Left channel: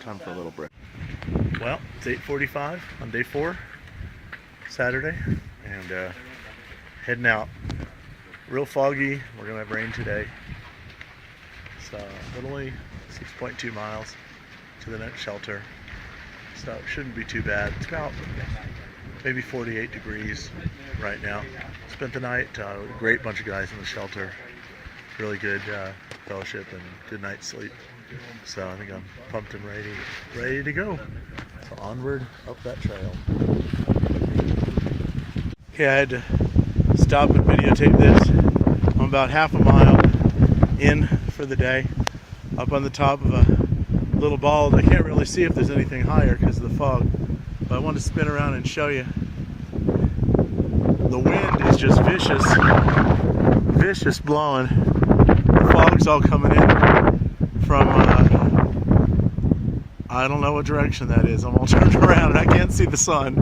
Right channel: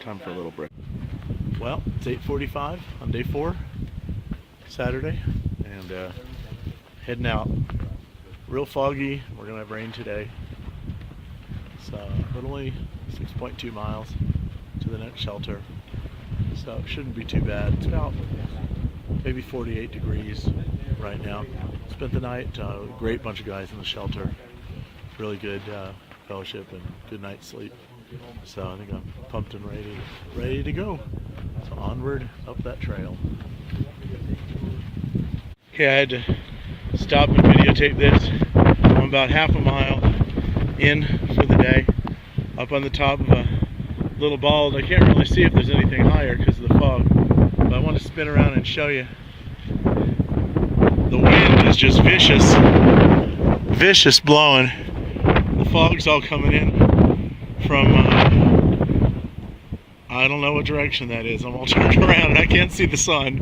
Time for a little break. Well, it's 8:45 on day 4, Saturday, and heading out. Real foggy. We're gonna have rain today. So, but only 6.2 miles to the next shelter. So it shouldn't be too bad. It's about maybe 48 degrees right now. Spent the night, a great bunch of guys in the shelter. Really good fellowship and good night's sleep. So I think I'm pumped and ready to go. So onward up that trail. Okay, I had to stop and videotape this. I'm about half a mile in for the day, up on the top of a little bald. I can't really see if there's anything higher because of the fog, but I want to spin around and show you. The wind is just vicious blowing. The fog's all coming in from I don't know what direction that is. I'm all turned around and I can't see the sun,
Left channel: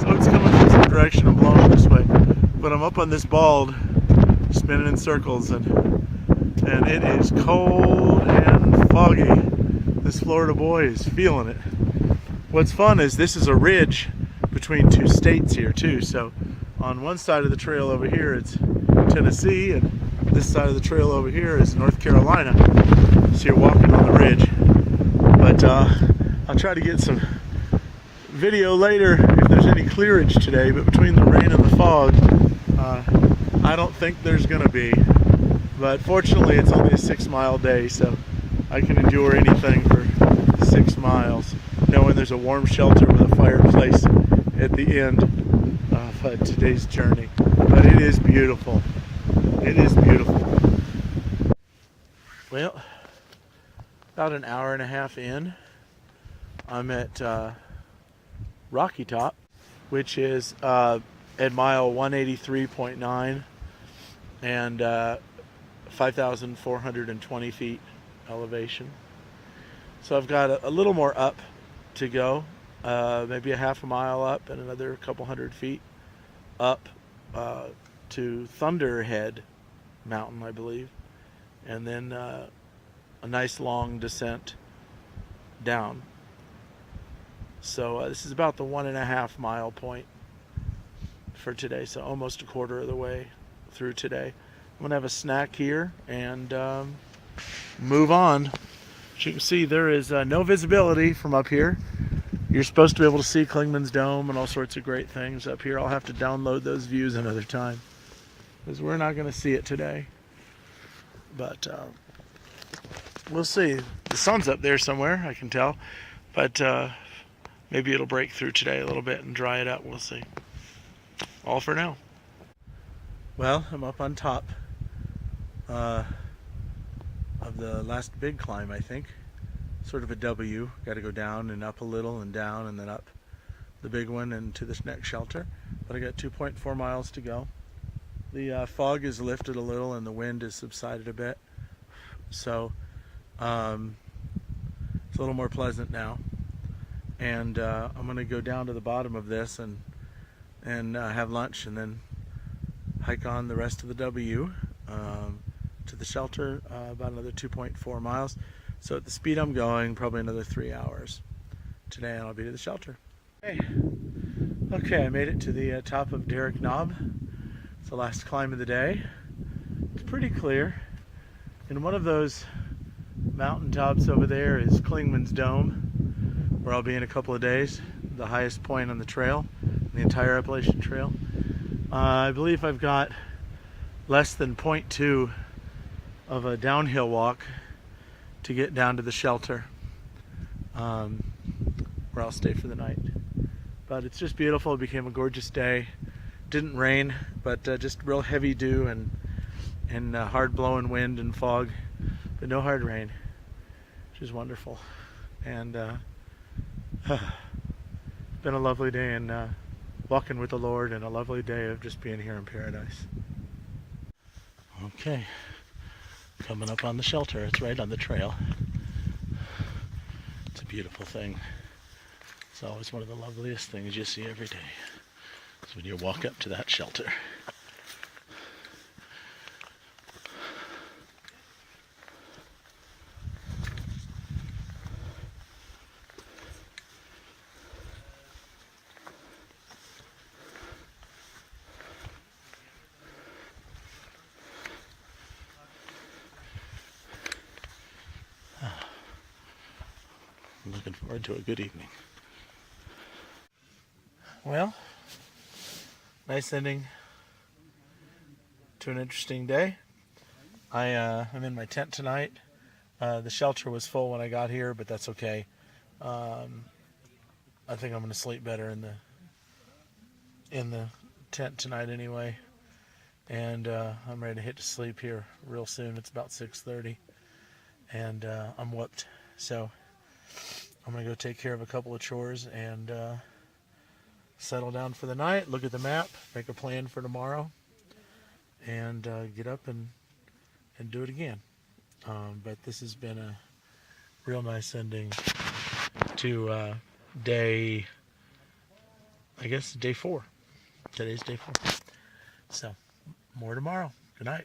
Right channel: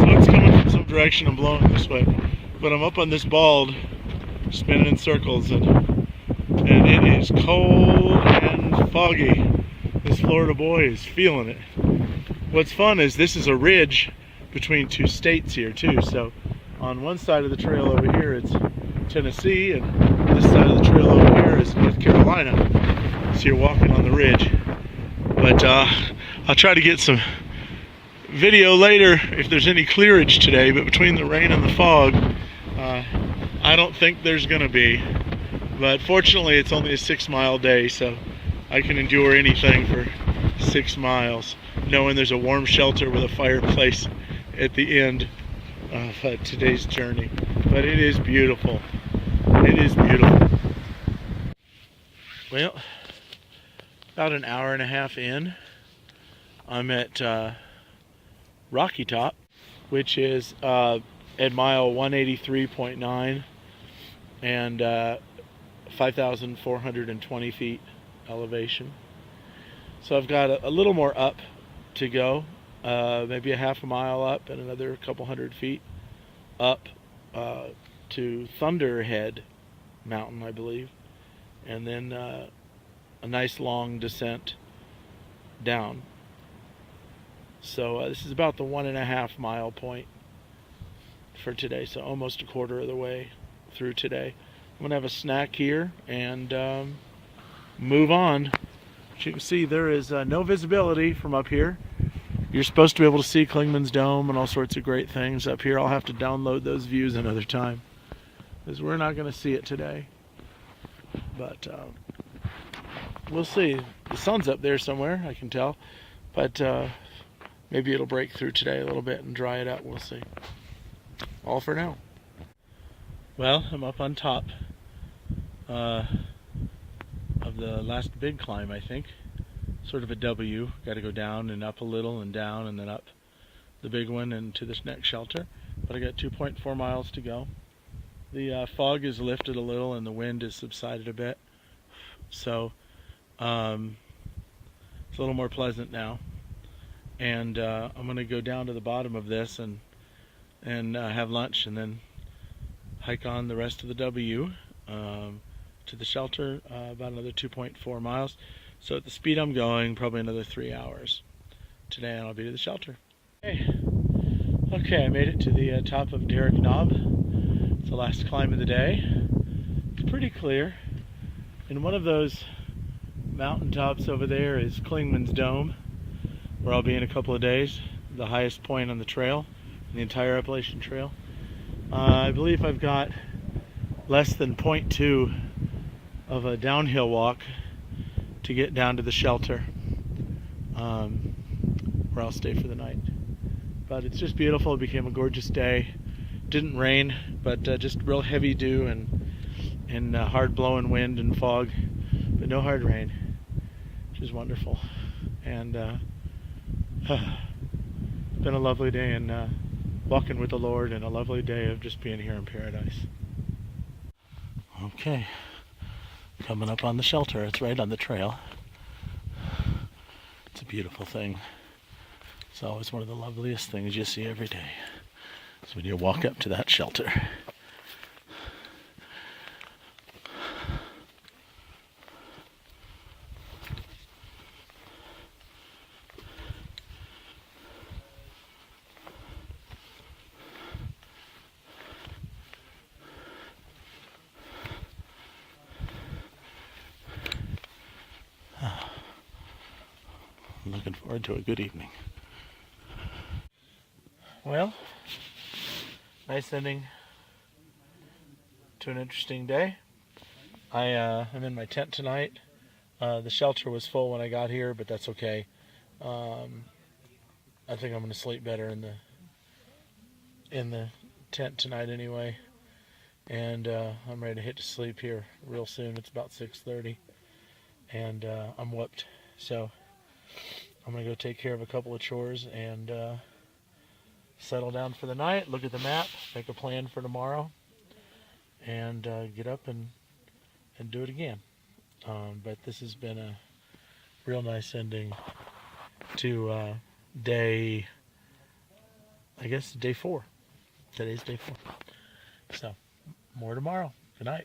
so it's coming from some direction. I'm blowing this way, but I'm up on this bald, spinning in circles, and it is cold and foggy. This Florida boy is feeling it. What's fun is this is a ridge between 2 states here too. So on one side of the trail over here it's Tennessee, and this side of the trail over here is North Carolina. So you're walking on the ridge. But I'll try to get some video later if there's any clearage today, but between the rain and the fog, I don't think there's gonna be. But fortunately it's only a 6-mile day, so I can endure anything for 6 miles, knowing there's a warm shelter with a fireplace at the end of today's journey. But it is beautiful. It is beautiful. Well, about an hour and a half in, I'm at Rocky Top, which is at mile 183.9 and 5,420 feet elevation. So I've got a little more up to go, maybe a half a mile up and another couple hundred feet up to Thunderhead Mountain, I believe, and then a nice long descent down. So this is about the 1.5 mile point for today, so almost a quarter of the way through today. I'm gonna have a snack here and move on. As you can see, there is no visibility from up here. You're supposed to be able to see Clingman's Dome and all sorts of great things up here. I'll have to download those views another time because we're not going to see it today. But we'll see. The sun's up there somewhere, I can tell. But maybe it'll break through today a little bit and dry it up. We'll see. All for now. Well, I'm up on top of the last big climb, I think. Sort of a W. Got to go down and up a little and down and then up the big one and to this next shelter. But I got 2.4 miles to go. The fog is lifted a little and the wind has subsided a bit. So it's a little more pleasant now. And I'm going to go down to the bottom of this and have lunch and then hike on the rest of the W to the shelter, about another 2.4 miles. So at the speed I'm going, probably another 3 hours today, and I'll be to the shelter. Okay, I made it to the top of Derrick Knob. It's the last climb of the day. It's pretty clear. And one of those mountaintops over there is Clingman's Dome, where I'll be in a couple of days. The highest point on the trail, the entire Appalachian Trail. I believe I've got less than 0.2 of a downhill walk to get down to the shelter, where I'll stay for the night. But it's just beautiful. It became a gorgeous day. Didn't rain, but just real heavy dew and hard blowing wind and fog, but no hard rain, which is wonderful. And been a lovely day and walking with the Lord, and a lovely day of just being here in paradise. Okay. Coming up on the shelter. It's right on the trail. It's a beautiful thing. It's always one of the loveliest things you see every day. So when you walk up to that shelter. looking forward to a good evening. Well, nice ending to an interesting day. I'm in my tent tonight. The shelter was full when I got here, but that's okay. I think I'm going to sleep better in the tent tonight anyway. And I'm ready to hit to sleep here real soon. It's about 6:30, and I'm whooped. So I'm going to go take care of a couple of chores and settle down for the night, look at the map, make a plan for tomorrow, and get up and do it again. But this has been a real nice ending to day 4. Today's day 4. So, more tomorrow. Good night.